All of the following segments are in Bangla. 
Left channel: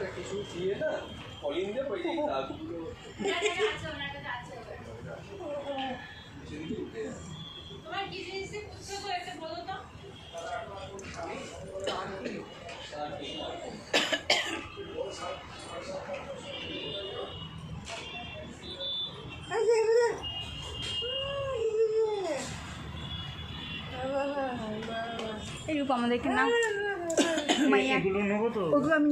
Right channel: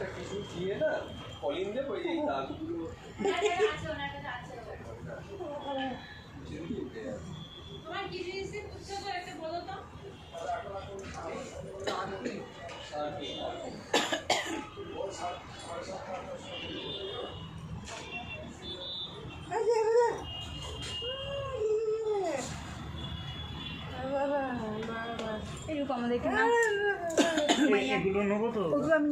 একটা কিছু দিয়ে না কলিং দেব ওই যে দাগগুলো তোমার কি জিনিস বুঝছো তো একটা বলো তো আমাদেরকে না এগুলো নেবো তো ওগুলো আমি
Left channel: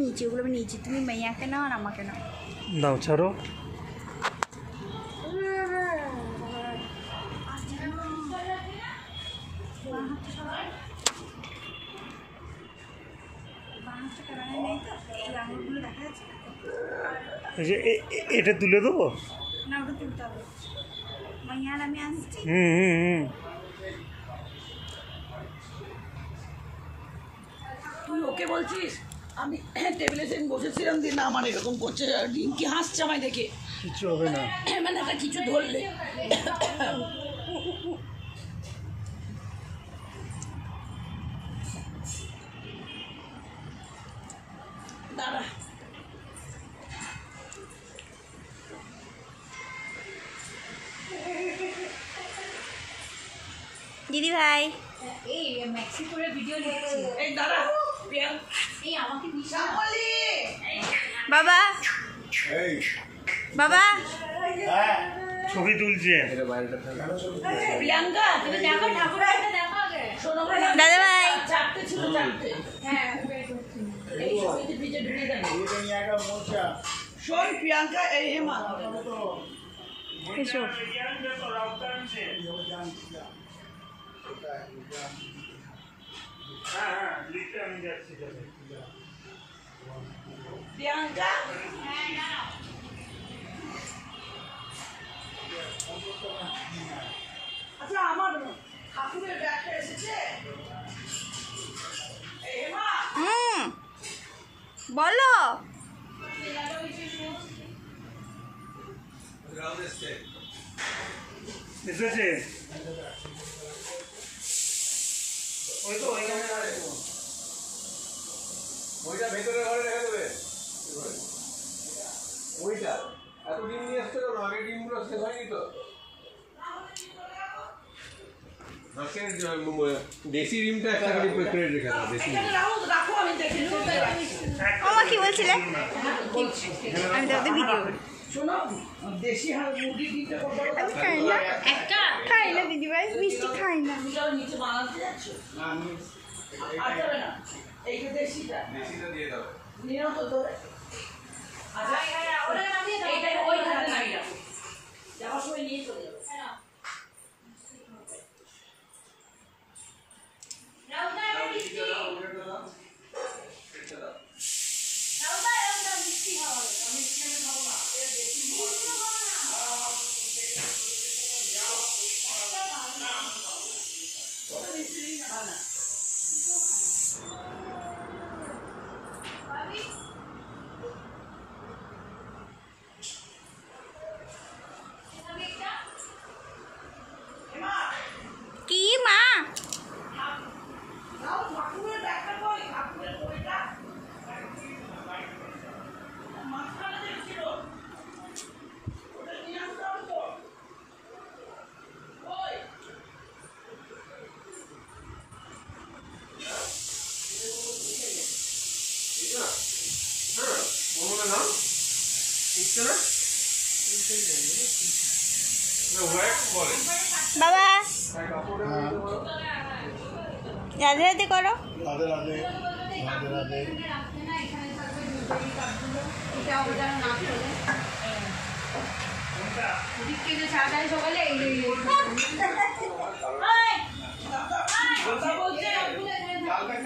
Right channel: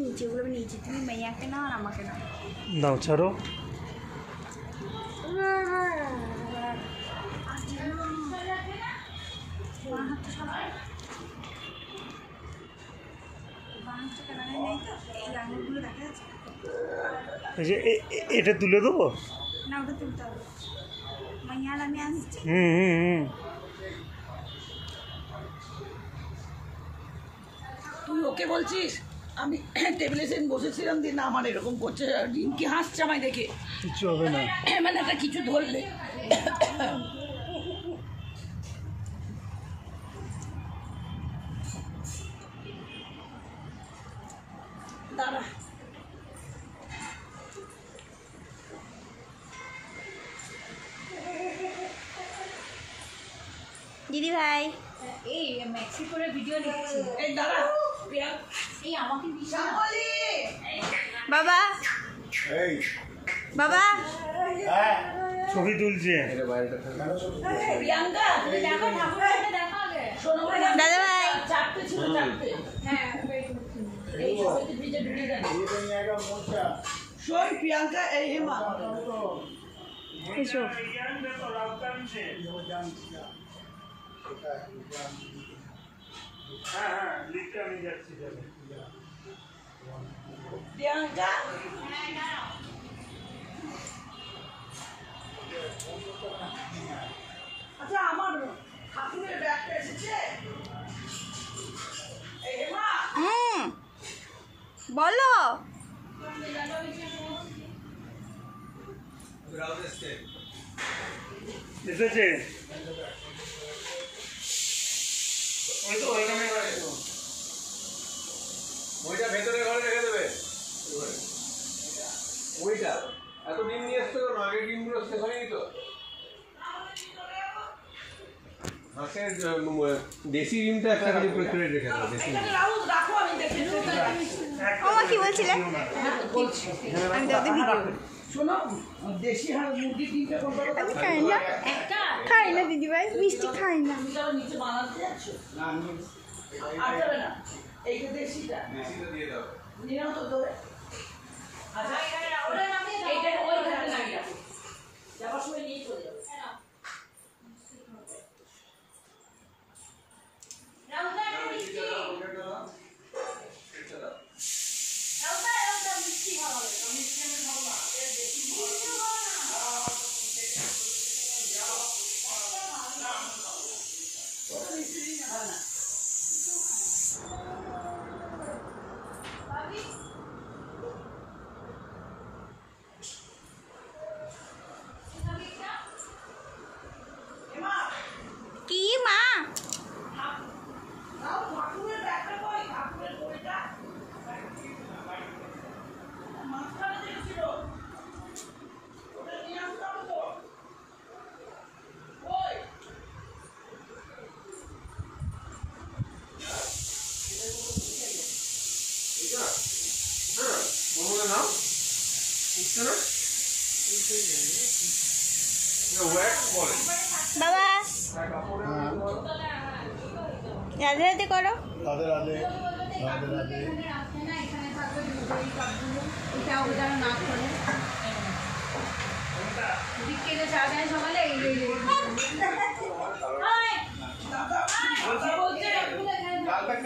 নিয়েছি তুমি মাইয়াকে নাও আর আমাকে নাও দাও ছাড়ো এটা তুলে দেবো না ওটা তুলতে হবে মাইয়ার আমি আসছি তুই ওকে বলছিস আমি টেবিলে সেদিন বসেছিলাম দিয়ে না আমার এরকম করছে কি হাসছে আমায় দেখে কিছু হবে না মানে একটা কিছু ধরলে দাঁড়া দিদি ভাই এই মেক্সিকোর ভিডিও লিখছি এই দাঁড়া এই আমাকে বাবা বাবা ছবি তুলছে প্রিয়াঙ্কা তুমি দেখো ঠাকুরটা দেখো আগে শোনো দাদা ভাই চারটে ছিল চারটে হ্যাঁ এই ছবিতে ভিজে ঢুকে দেন শোন প্রিয়াঙ্কা এই হেমা এসো প্রিয়াঙ্কা আচ্ছা আমার ঠাকুরের ব্যাগটা এসেছে এই হেমা বলো এসেছে ওই তো ওইখানে ওইটা ভেতরে ঘরে রেখে দেবে ওইটা এত ডিম নিয়ে এসছো কেন আগে ডিমগুলো শেষ হয়নি তো হাঁসের দেশি ডিমটা একটা খালি করে রেখে দাও দেশি ডিম রাখো আমি দেখে আমার কি বলছিলে আমি তো ওদের ভিডিও করি শোনো দেশি মুরগি ডিমটা কত আমি খাই না খাই না দিদি ভাই মিষ্টি খাই না তুমি যাও নিচে বানাতে যাচ্ছ আর যাবে না এইটা দেশিটা দিয়ে দাও নিয়ে নাও তো ধরে আচ্ছা এইটা ওই ধারে নামিয়ে রাখো যাওয়ার সময় নিয়ে চলে যাবে কি মা বাবা রাধে রাধে করো রাধে রাধে রাধে রাধে সকালে এই